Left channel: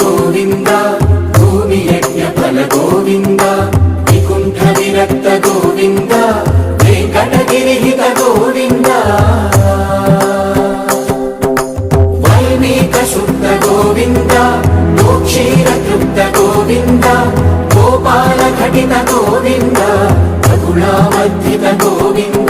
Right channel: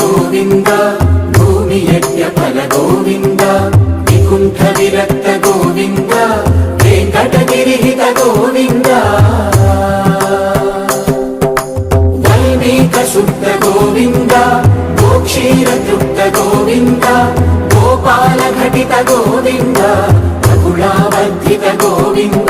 गोविन्द भूमियज्ञफल गोविन्द विकुण्ठ विरक्त गोविन्द वेङ्कटगिरिहित गोविन्द वल्मीक शुद्ध गोविन्द गोक्षीरतृप्त गोविन्द गोपाल घटित गोविन्द रघुणावर्धित गोविन्द